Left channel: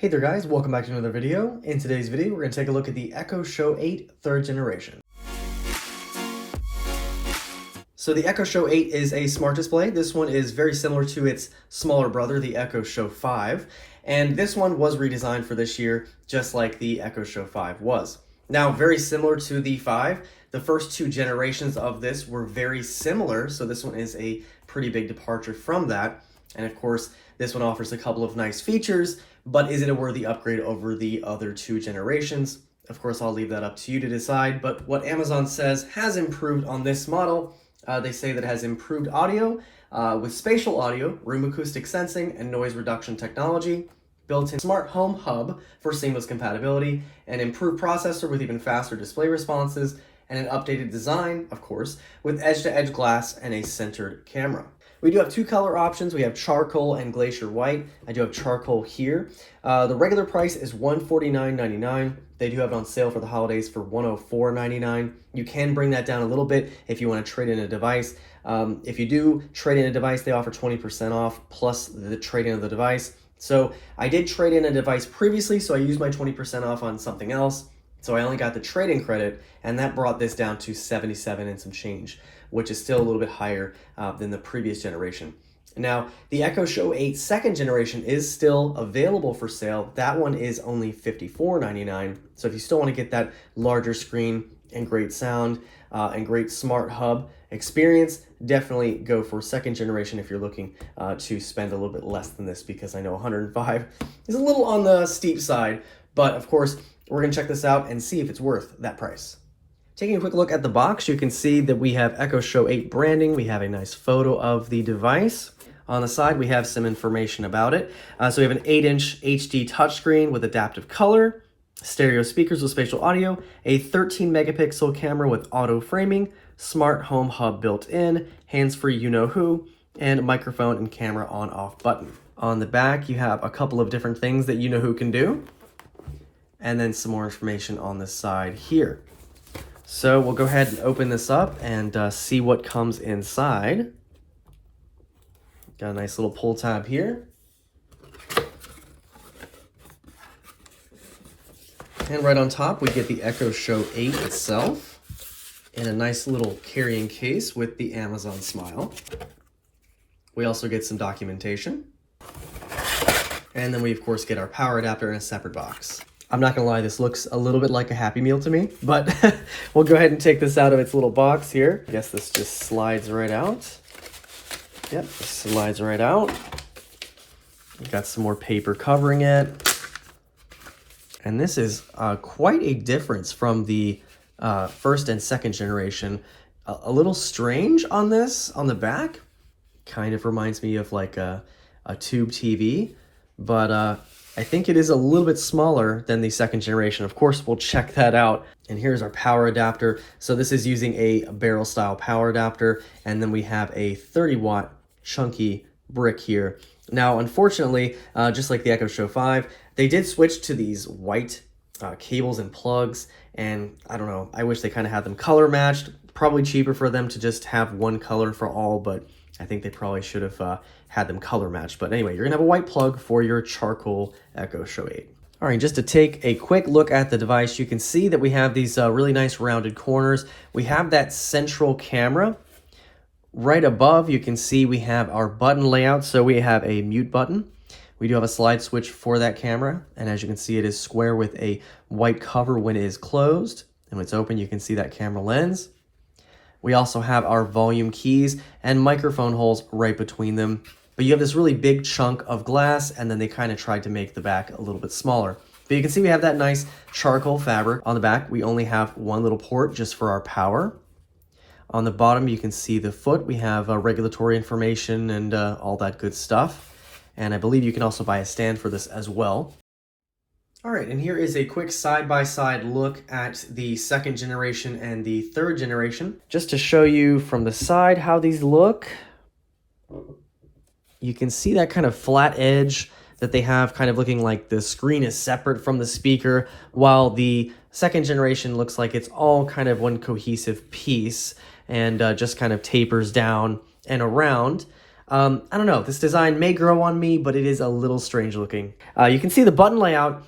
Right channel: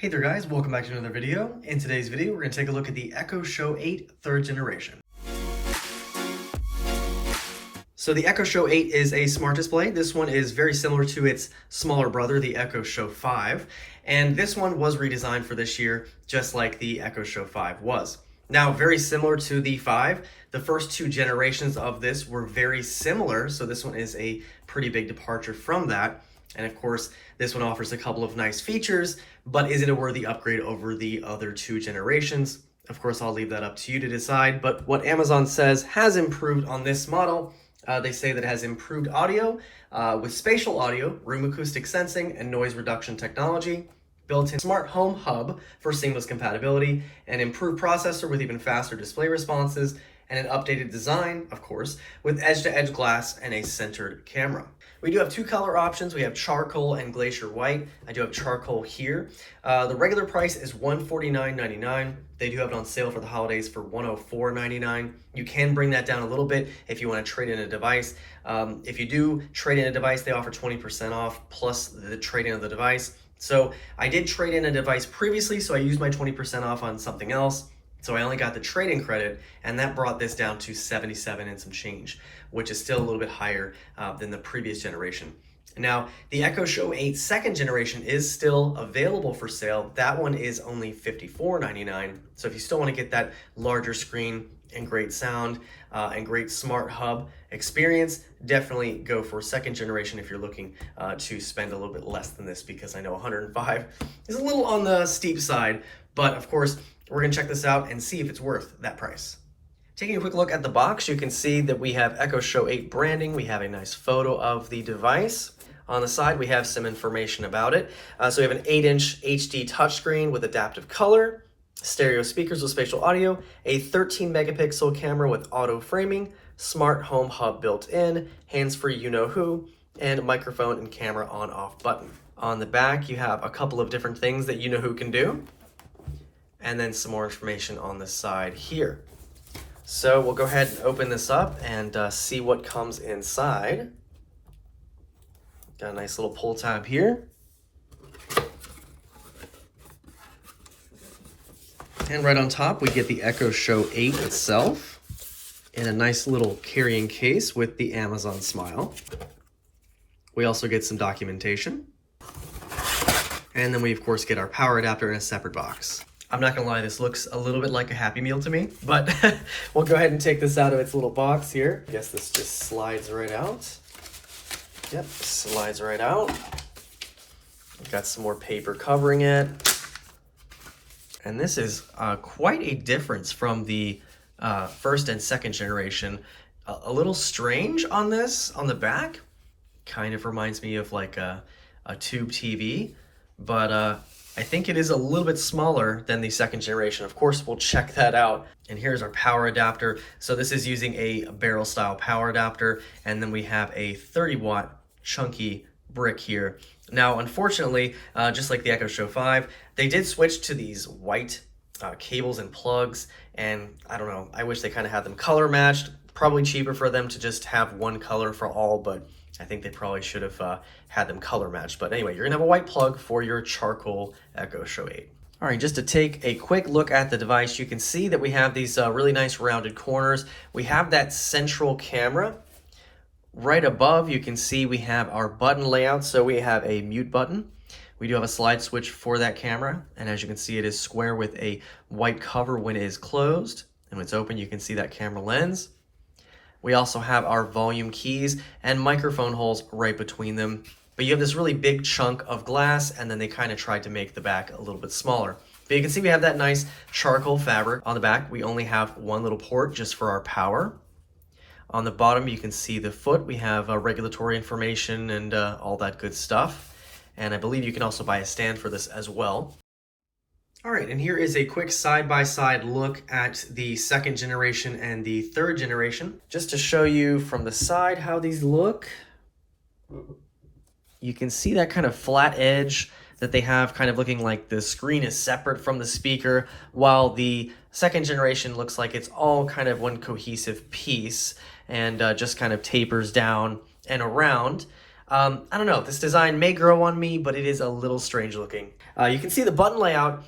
Hey there guys, welcome back to another video. In today's video, we're going to take a look at the Echo Show 8 3rd generation. So the Echo Show 8 is a smart display. This one is very similar to its smaller brother, the Echo Show 5. And this one was redesigned for this year, just like the Echo Show 5 was. Now, very similar to the 5, the first two generations of this were very similar, so this one is a pretty big departure from that. And of course, this one offers a couple of nice features, but is it a worthy upgrade over the other two generations? Of course, I'll leave that up to you to decide, but what Amazon says has improved on this model, they say that it has improved audio with spatial audio, room acoustic sensing, and noise reduction technology, built-in smart home hub for seamless compatibility, an improved processor with even faster display responses, and an updated design, of course, with edge-to-edge glass and a centered camera. We do have two color options. We have charcoal and glacier white. I do have charcoal here. The regular price is $149.99. They do have it on sale for the holidays for $104.99. You can bring that down a little bit if you want to trade in a device. If you do trade in a device, they offer 20% off plus the trade-in of the device. So I did trade in a device previously, so I used my 20% off on something else. So I only got the trade-in credit, and that brought this down to $77 and some change, which is still a little bit higher than the previous generation. Now, the Echo Show 8 2nd generation is still available for sale. That one is only $54.99. So if you still want to get that larger screen and great sound and great smart hub experience, definitely go for 2nd generation if you're looking to spend a little bit less than this, because I know 105 is a little on the steep side, but of course, we're going to check this out and see if it's worth that price. Taking a quick look at the box, you can see that we have Echo Show 8 branding. We have a nice photo of the device. On the side, we have some information about it. So we have an 8-inch HD touchscreen with adaptive color, stereo speakers with spatial audio, a 13 megapixel camera with auto framing, smart home hub built in, hands-free you-know-who, and microphone and camera on-off button. On the back, you have a couple of different things that you-know-who can do, and then some more information on the side here. So we'll go ahead and open this up and see what comes inside. Got a nice little pull tab here. And right on top, we get the Echo Show 8 itself in a nice little carrying case with the Amazon smile. We also get some documentation. And then we, of course, get our power adapter in a separate box. I'm not gonna lie, this looks a little bit like a Happy Meal to me, but we'll go ahead and take this out of its little box here. I guess this just slides right out. Yep, slides right out. We've got some more paper covering it. And this is quite a difference from the 1st and 2nd generation. A little strange on this, on the back. Kind of reminds me of like a tube TV, but I think it is a little bit smaller than the 2nd generation. Of course, we'll check that out. And here's our power adapter. So this is using a barrel style power adapter. And then we have a 30-watt chunky brick here. Now, unfortunately, just like the Echo Show 5, they did switch to these white cables and plugs. And I don't know, I wish they kind of had them color matched. Probably cheaper for them to just have one color for all, but I think they probably should have had them color matched. But anyway, you're gonna have a white plug for your charcoal Echo Show 8. All right, just to take a quick look at the device, you can see that we have these really nice rounded corners. We have that central camera. Right above, you can see we have our button layout. So we have a mute button. We do have a slide switch for that camera. And as you can see, it is square with a white cover when it is closed. And when it's open, you can see that camera lens. We also have our volume keys and microphone holes right between them. But you have this really big chunk of glass, and then they kind of tried to make the back a little bit smaller. But you can see we have that nice charcoal fabric. On the back, we only have one little port just for our power. On the bottom, you can see the foot. We have regulatory information and all that good stuff. And I believe you can also buy a stand for this as well. All right, and here is a quick side-by-side look at the 2nd generation and the 3rd generation. Just to show you from the side how these look. You can see that kind of flat edge that they have, kind of looking like the screen is separate from the speaker, while the 2nd generation looks like it's all kind of one cohesive piece and just kind of tapers down and around. I don't know, this design may grow on me, but it is a little strange looking. You can see the button layout.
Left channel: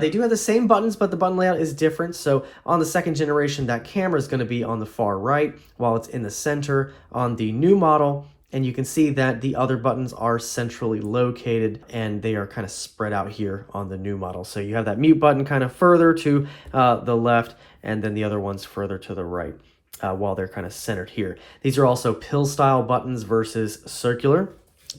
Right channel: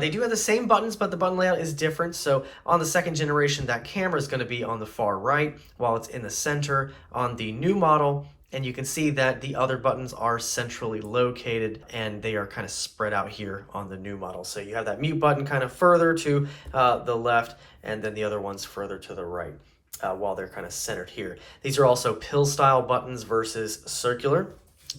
They do have the same buttons, but the button layout is different. So on the second generation, that camera is going to be on the far right, while it's in the center on the new model. And you can see that the other buttons are centrally located and they are kind of spread out here on the new model. So you have that mute button kind of further to the left, and then the other ones further to the right, while they're kind of centered here. These are also pill style buttons versus circular.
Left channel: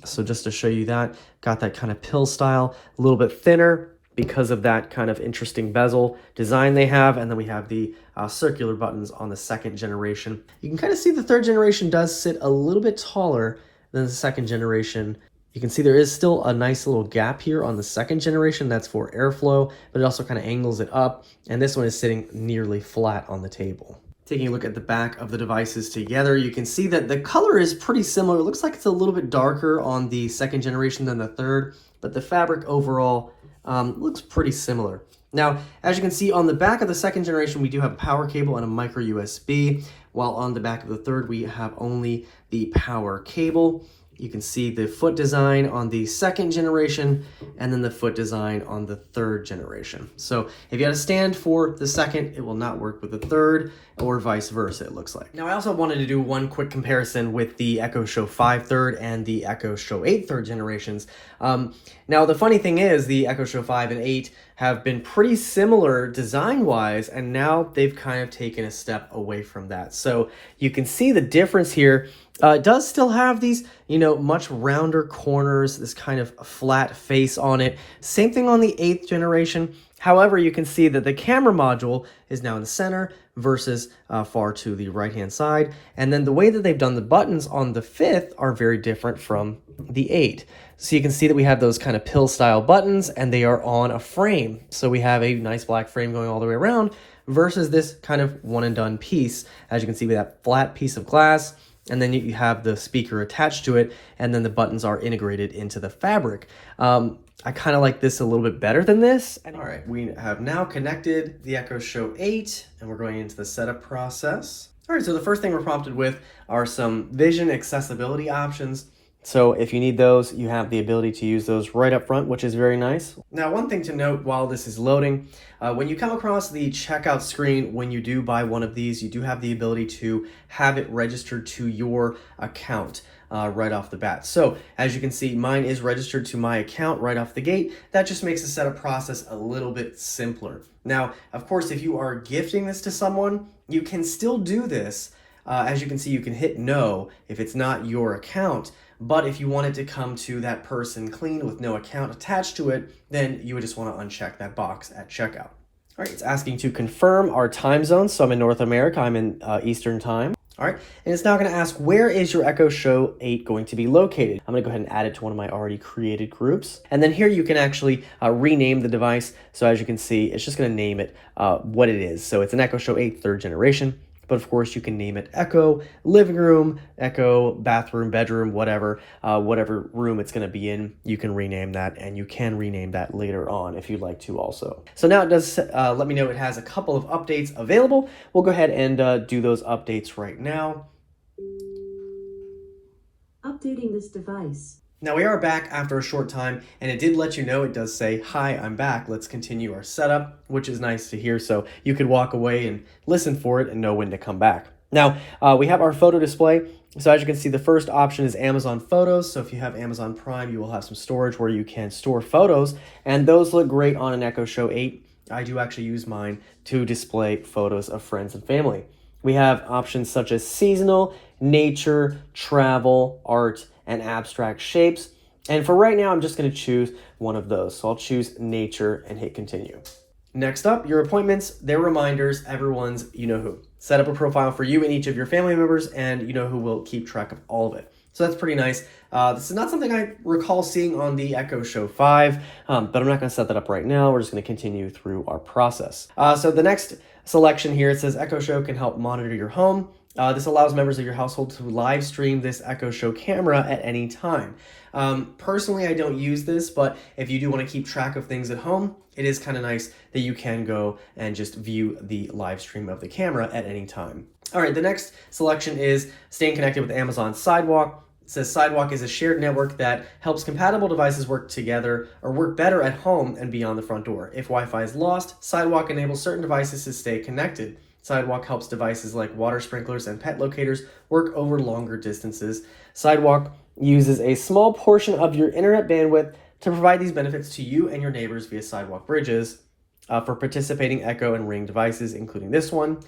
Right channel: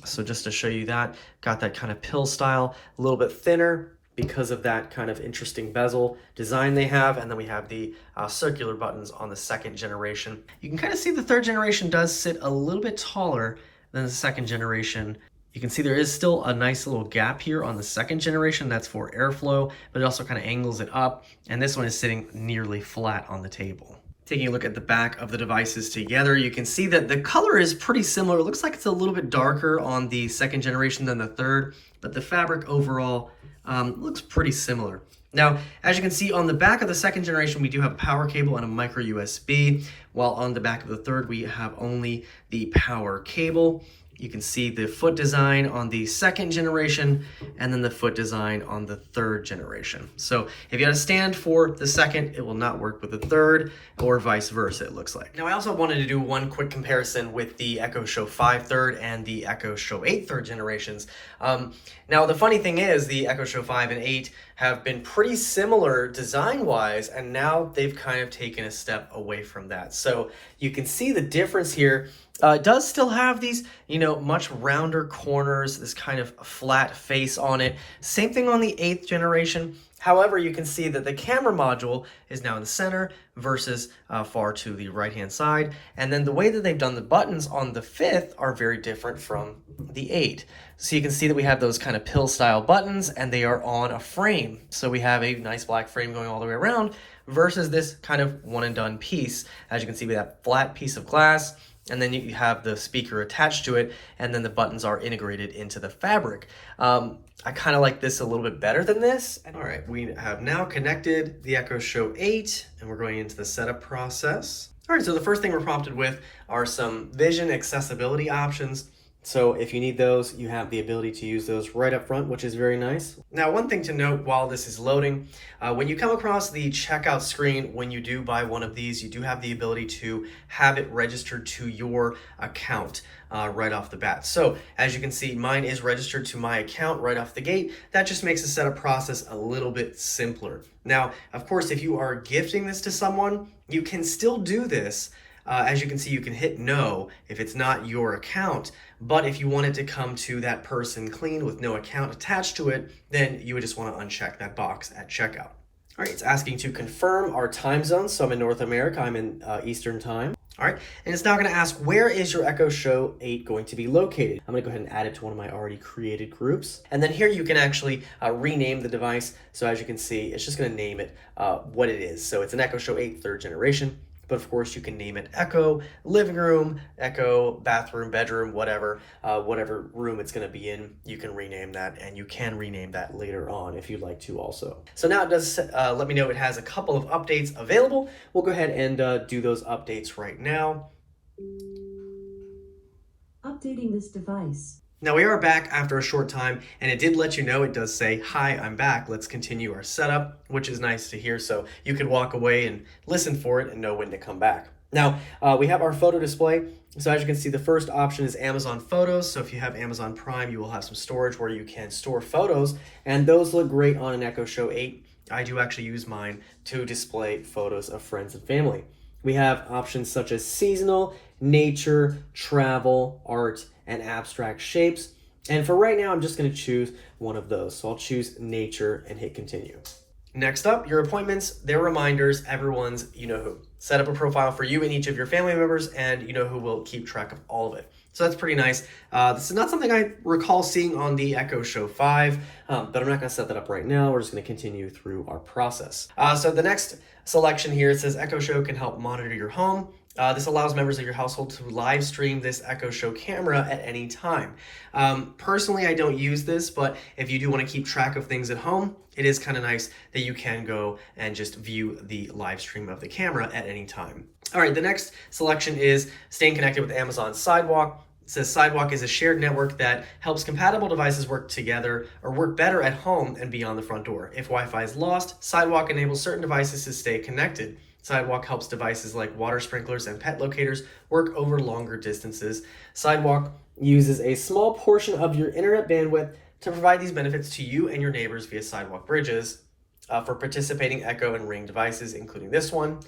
So just to show you that, got that kind of pill style, a little bit thinner because of that kind of interesting bezel design they have. And then we have the circular buttons on the second generation. You can kind of see the third generation does sit a little bit taller than the second generation. You can see there is still a nice little gap here on the second generation. That's for airflow, but it also kind of angles it up. And this one is sitting nearly flat on the table. Taking a look at the back of the devices together, you can see that the color is pretty similar. It looks like it's a little bit darker on the second generation than the third, but the fabric overall looks pretty similar. Now, as you can see on the back of the second generation, we do have a power cable and a micro USB, while on the back of the third, we have only the power cable. You can see the foot design on the second generation and then the foot design on the third generation. So if you had a stand for the second, it will not work with the third, or vice versa, it looks like. Now I also wanted to do one quick comparison with the Echo Show 5 third and the Echo Show 8 third generations. Now the funny thing is the Echo Show 5 and 8 have been pretty similar design-wise, and now they've kind of taken a step away from that. So you can see the difference here. It does still have these, much rounder corners, this kind of flat face on it. Same thing on the 8th generation. However, you can see that the camera module is now in the center versus far to the right-hand side. And then the way that they've done the buttons on the 5th are very different from the 8. So you can see that we have those kind of pill-style buttons, and they are on a frame. So we have a nice black frame going all the way around versus this kind of one-and-done piece. As you can see, we have a flat piece of glass, and then you have the speaker attached to it, and then the buttons are integrated into the fabric. I kind of like this a little bit better than this. All right, we have now connected the Echo Show 8, and we're going into the setup process. All right, so the first thing we're prompted with are some vision accessibility options. So if you need those, you have the ability to use those right up front, which is very nice. Now, one thing to note while this is loading, when you come across the checkout screen, when you do buy one of these, you do have the ability to have it registered to your account right off the bat. So as you can see, mine is registered to my account right off the gate. That just makes the setup process a little bit simpler. Now, of course, if you are gifting this to someone, you can still do this. As you can see, you can hit no if it's not your account. But if you want it to come to that person clean with no account attached to it, then you would just want to uncheck that box at checkout. All right, it's asking to confirm our time zone. So I'm in North America, I'm in Eastern time. All right, and it's now going to ask, where is your Echo Show 8 going to be located? I'm going to go ahead and add it to one of my already created groups. And then here you can actually rename the device. So as you can see, it's just going to name it what it is. So it's an Echo Show 8 third generation. But of course, you can name it Echo Living Room, Echo Bathroom, Bedroom, whatever room it's going to be in. You can rename that, and you can rename that later on if you'd like to also. So now it does let me know it has a couple of updates available. We'll go ahead and do those updates right now. Updating this device. Now we are back after a short time, and it did let you know, it does say, hi, I'm back, let's continue our setup, which is nice to hear, so you could walk away and listen for it and know when to come back. Now, we have our photo display. So as you can see, the first option is Amazon Photos. So if you have Amazon Prime, you will have some storage where you can store photos, and those look great on an Echo Show 8. I do actually use mine to display photos of friends and family. We have options such as seasonal, nature, travel, art, and abstract shapes. And for right now, I'm just going to choose one of those. So I'll choose nature and hit continue. Next up, your appointments, their reminders, everyone's you-know-who. Set up a profile for you and each of your family members, and you-know-who will keep track of all of it. So that's pretty nice. This is not something I recall seeing on the Echo Show 5, but I'm not going to set that up right now. We're just going to continue through our process. So the next selection here, it says Echo Show can help monitor your home. This allows members of your household to live stream this Echo Show camera at any time. Personally, I don't use this, but if you do want to keep track of things at home, it is kind of nice that you can go and just view the live stream of the camera at any time. All right, the next selection is staying connected with Amazon Sidewalk. It says Sidewalk is a shared network that helps compatible devices work together or work better at home and beyond the front door. If Wi-Fi is lost, Sidewalk enables certain devices to stay connected. Sidewalk helps devices like water sprinklers and pet locators work over longer distances. Sidewalk uses a small portion of your internet bandwidth to provide these benefits to you and your neighbors via Sidewalk bridges for participating Echo and Ring devices, including this one.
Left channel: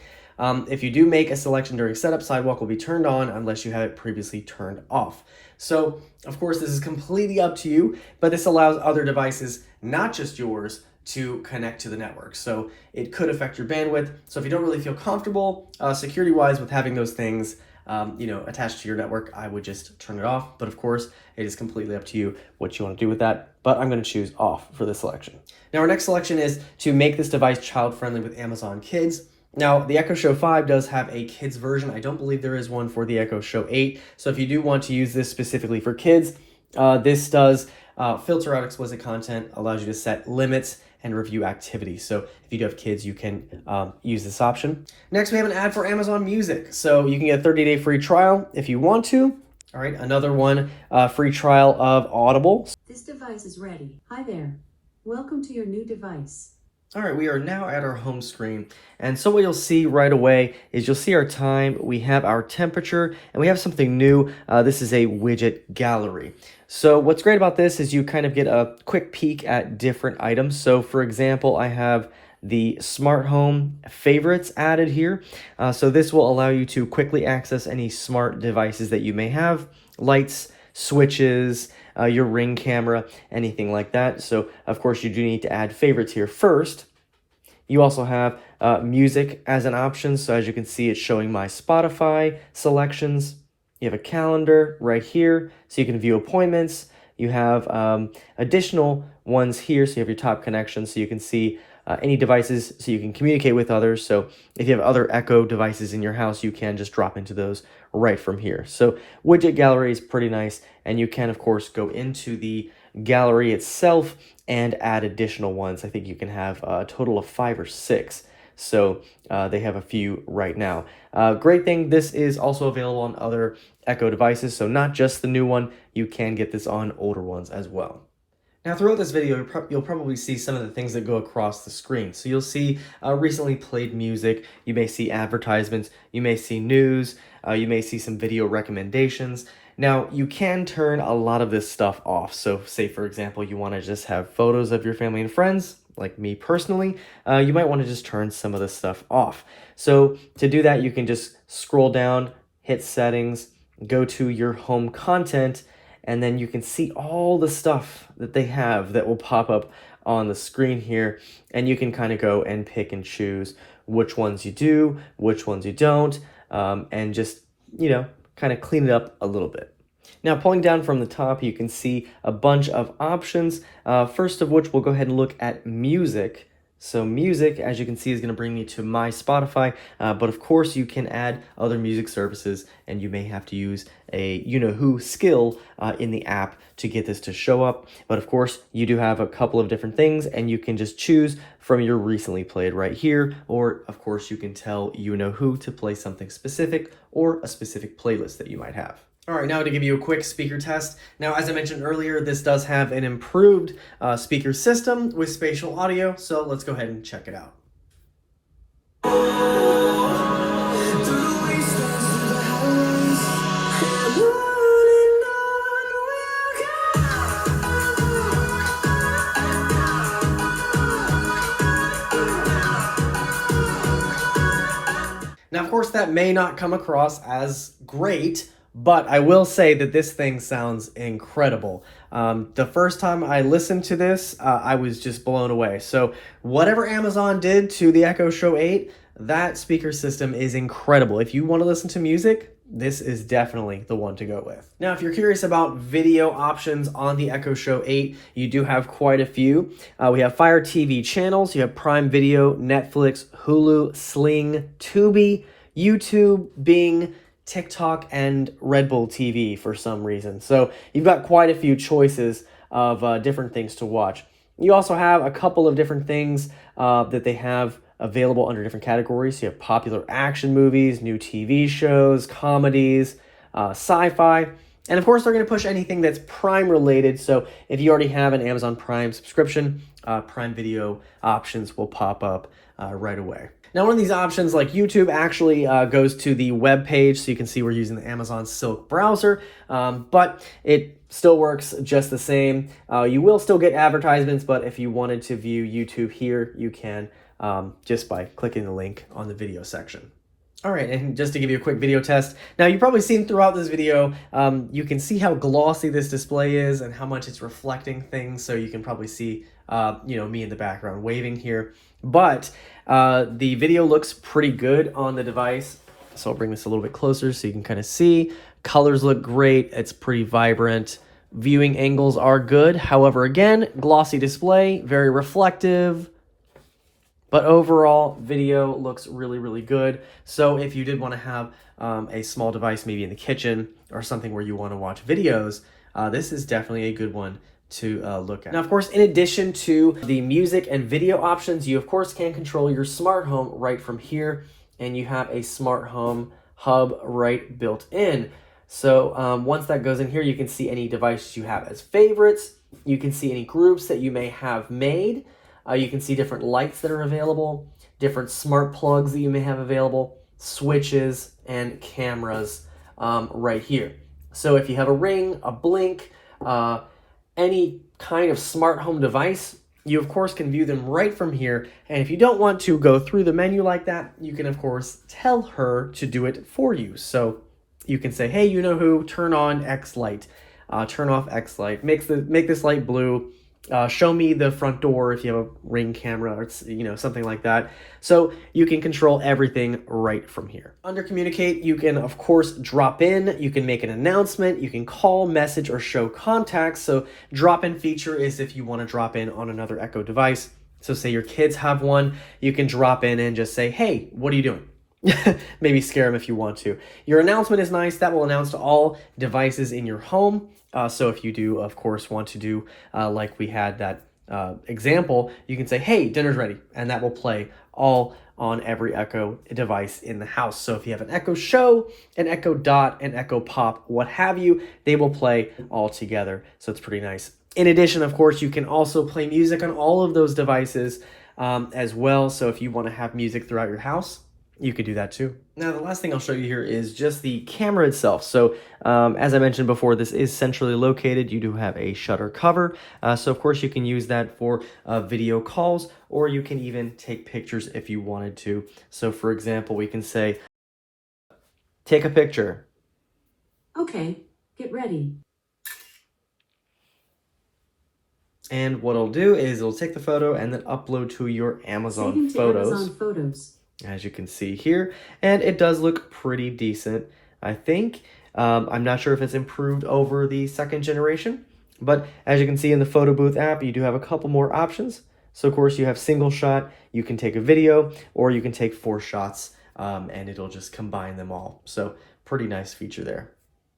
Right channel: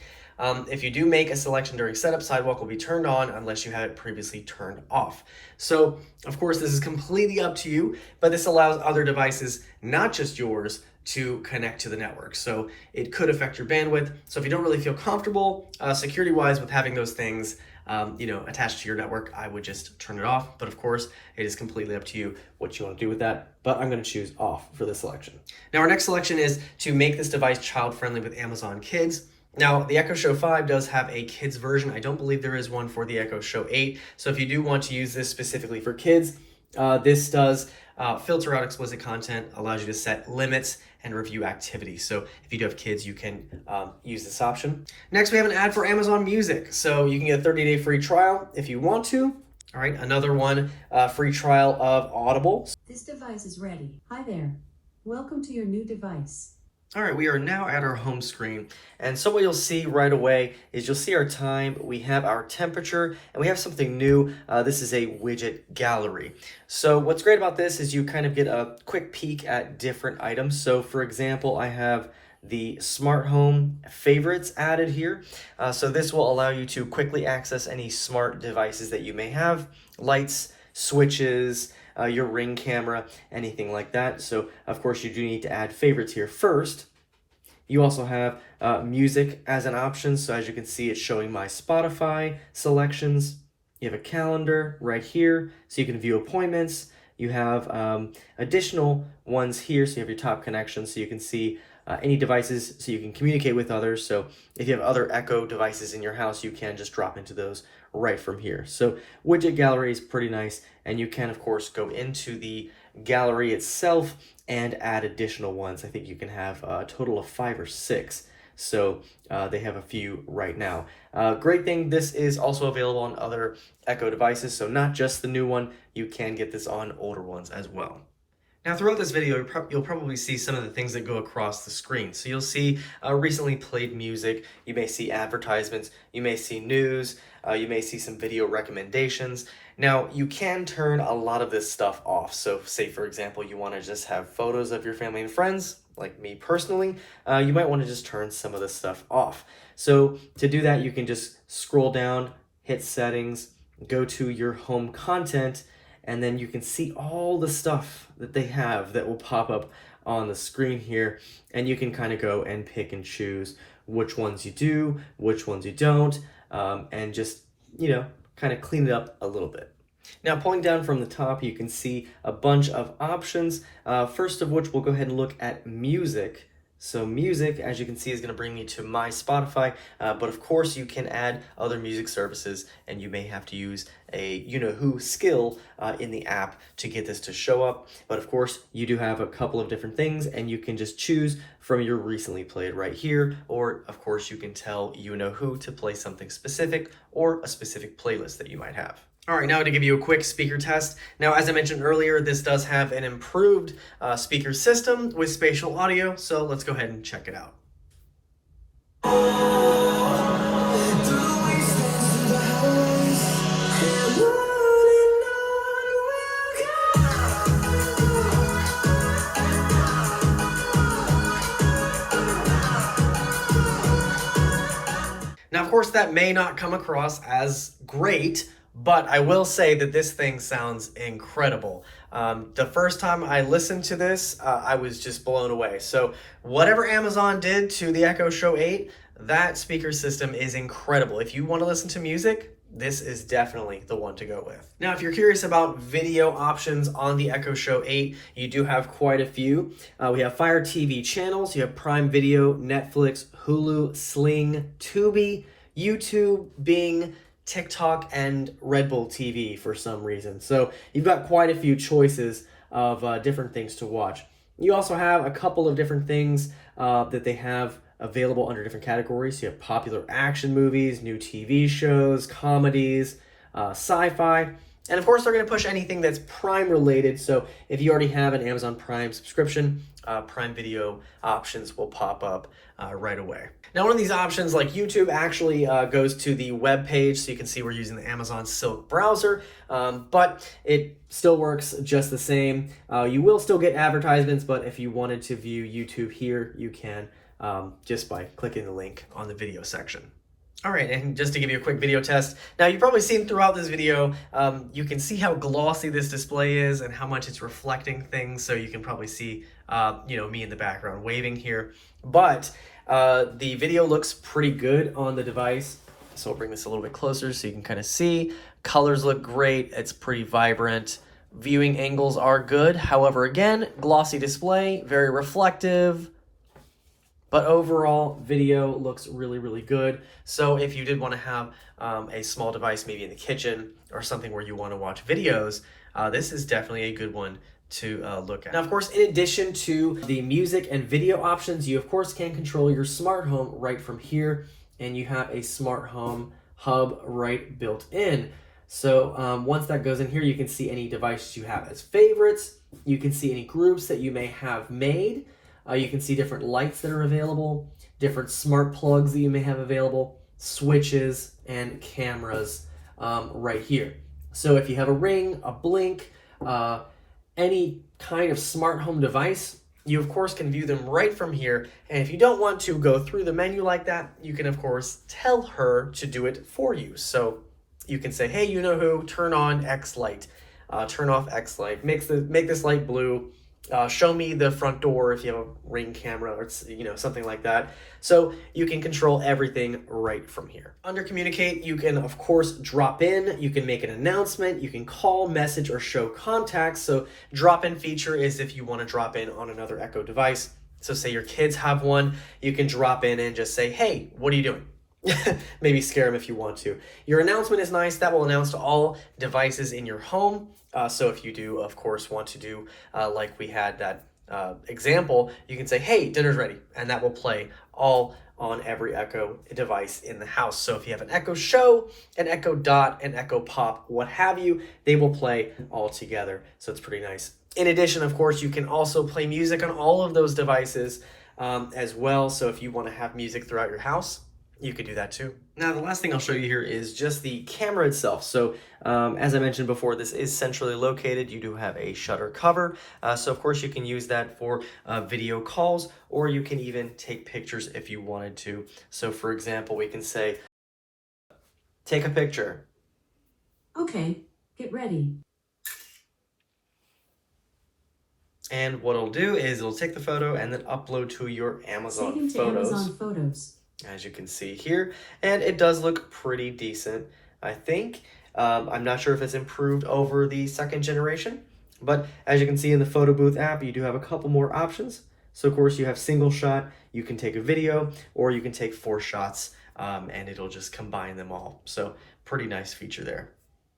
If you do make a selection during setup, Sidewalk will be turned on unless you had it previously turned off. So, of course, this is completely up to you, but this allows other devices, not just yours, to connect to the network. So it could affect your bandwidth. So if you don't really feel comfortable security-wise with having those things attached to your network, I would just turn it off. But of course, it is completely up to you what you want to do with that. But I'm going to choose off for this selection. Now, our next selection is to make this device child-friendly with Amazon Kids. Now, the Echo Show 5 does have a kids version. I don't believe there is one for the Echo Show 8. So if you do want to use this specifically for kids, this does filter out explicit content, allows you to set limits and review activities. So if you do have kids, you can use this option. Next, we have an ad for Amazon Music. So you can get a 30-day free trial if you want to. All right, another one, free trial of Audible. This device is ready. Hi there. Welcome to your new device. All right, we are now at our home screen. And so what you'll see right away is you'll see our time, we have our temperature, and we have something new. This is a widget gallery. So what's great about this is you kind of get a quick peek at different items. So for example, I have the smart home favorites added here. So this will allow you to quickly access any smart devices that you may have, lights, switches, your Ring camera, anything like that. So of course you do need to add favorites here first. You also have music as an option. So as you can see, it's showing my Spotify selections. You have a calendar right here, so you can view appointments. You have additional ones here, so you have your top connections, so you can see any devices, so you can communicate with others. So if you have other Echo devices in your house, you can just drop into those right from here. So widget gallery is pretty nice, and you can, of course, go into the gallery itself and add additional ones. I think you can have a total of 5 or 6. So they have a few right now. Great thing, this is also available on other Echo devices, so not just the new one, you can get this on older ones as well. Now throughout this video, you'll probably see some of the things that go across the screen. So you'll see recently played music, you may see advertisements, you may see news, you may see some video recommendations. Now, you can turn a lot of this stuff off. So say, for example, you want to just have photos of your family and friends, like me personally, you might want to just turn some of this stuff off. So to do that, you can just scroll down, hit settings, go to your home content, and then you can see all the stuff that they have that will pop up on the screen here. And you can kind of go and pick and choose which ones you do, which ones you don't, and just, kind of clean it up a little bit. Now, pulling down from the top, you can see a bunch of options. First of which, we'll go ahead and look at music. So music, as you can see, is going to bring me to my Spotify, but of course you can add other music services, and you may have to use a you-know-who skill in the app to get this to show up. But of course, you do have a couple of different things, and you can just choose from your recently played right here, or of course you can tell you-know-who to play something specific or a specific playlist that you might have. All right, now to give you a quick speaker test. Now, as I mentioned earlier, this does have an improved speaker system with spatial audio, so let's go ahead and check it out. Now, of course, that may not come across as great, but I will say that this thing sounds incredible. The first time I listened to this, I was just blown away. So whatever Amazon did to the Echo Show 8, that speaker system is incredible. If you want to listen to music, this is definitely the one to go with. Now, if you're curious about video options on the Echo Show 8, you do have quite a few. We have Fire TV channels, you have Prime Video, Netflix, Hulu, Sling, Tubi, YouTube, Bing, TikTok, and Red Bull TV for some reason. So you've got quite a few choices of different things to watch. You also have a couple of different things that they have available under different categories. So you have popular action movies, new TV shows, comedies, sci-fi, And of course, they're going to push anything that's Prime related. So if you already have an Amazon Prime subscription, Prime Video options will pop up right away. Now, one of these options, like YouTube, actually goes to the web page, so you can see we're using the Amazon Silk browser, but it still works just the same. You will still get advertisements, but if you wanted to view YouTube here, you can just by clicking the link on the video section. All right, and just to give you a quick video test, now you've probably seen throughout this video, you can see how glossy this display is and how much it's reflecting things, so you can probably see, me in the background waving here, but the video looks pretty good on the device, so I'll bring this a little bit closer so you can kind of see. Colors look great, it's pretty vibrant. Viewing angles are good, however, again, glossy display, very reflective. But overall, video looks really, really good. So if you did want to have a small device, maybe in the kitchen or something where you want to watch videos, this is definitely a good one to look at. Now, of course, in addition to the music and video options, you of course can control your smart home right from here, and you have a smart home hub right built in. So once that goes in here, you can see any devices you have as favorites. You can see any groups that you may have made. You can see different lights that are available, different smart plugs that you may have available, switches, and cameras right here. So if you have a Ring, a Blink, any kind of smart home device, you of course can view them right from here. And if you don't want to go through the menu like that, you can of course tell her to do it for you. So you can say, hey, you know who, turn on X light, turn off X light, make this light blue, show me the front door if you have a Ring camera or something like that. So you can control everything right from here. Under communicate, you can of course drop in, you can make an announcement, you can call, message, or show contacts. So drop-in feature is if you want to drop in on another Echo device. So say your kids have one, you can drop in and just say, hey, what are you doing? Maybe scare them if you want to. Your announcement is nice. That will announce to all devices in your home. So if you do, of course, want to do like we had that example, you can say, hey, dinner's ready. And that will play all on every Echo device in the house. So if you have an Echo Show, an Echo Dot, an Echo Pop, what have you, they will play all together. So it's pretty nice. In addition, of course, you can also play music on all of those devices as well. So if you want to have music throughout your house, you could do that too. Now, the last thing I'll show you here is just the camera itself. So as I mentioned before, this is centrally located. You do have a shutter cover. So of course you can use that for video calls, or you can even take pictures if you wanted to. So for example, we can say, take a picture. Okay, get ready. And what it'll do is it'll take the photo and then upload to your Amazon Saving to Photos. Amazon Photos. As you can see here, and it does look pretty decent, I think. I'm not sure if it's improved over the second generation, but as you can see in the photo booth app, you do have a couple more options. So of course you have single shot, you can take a video, or you can take 4 shots, and it'll just combine them all. So pretty nice feature there.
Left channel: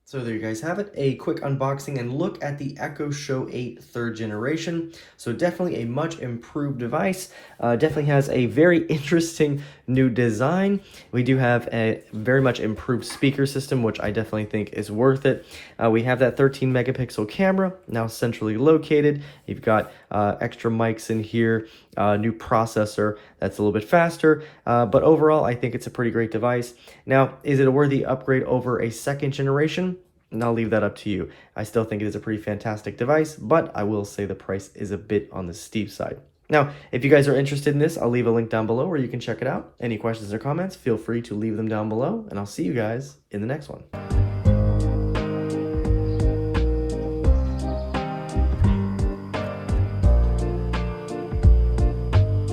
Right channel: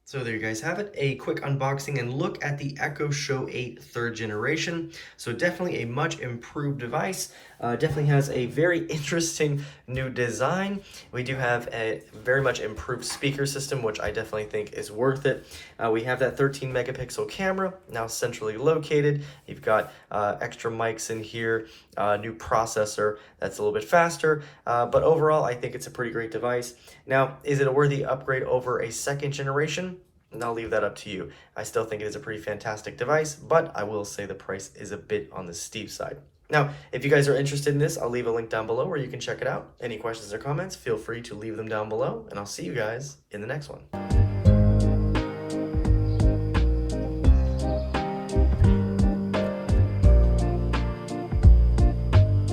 So there you guys have it, a quick unboxing and look at the Echo Show 8 3rd generation. So definitely a much improved device, definitely has a very interesting new design. We do have a very much improved speaker system, which I definitely think is worth it. We have that 13 megapixel camera, now centrally located. You've got extra mics in here, new processor that's a little bit faster, but overall I think it's a pretty great device. Now, is it a worthy upgrade over a second generation? And I'll leave that up to you. I still think it is a pretty fantastic device, but I will say the price is a bit on the steep side. Now, if you guys are interested in this, I'll leave a link down below where you can check it out. Any questions or comments, feel free to leave them down below, and I'll see you guys in the next one.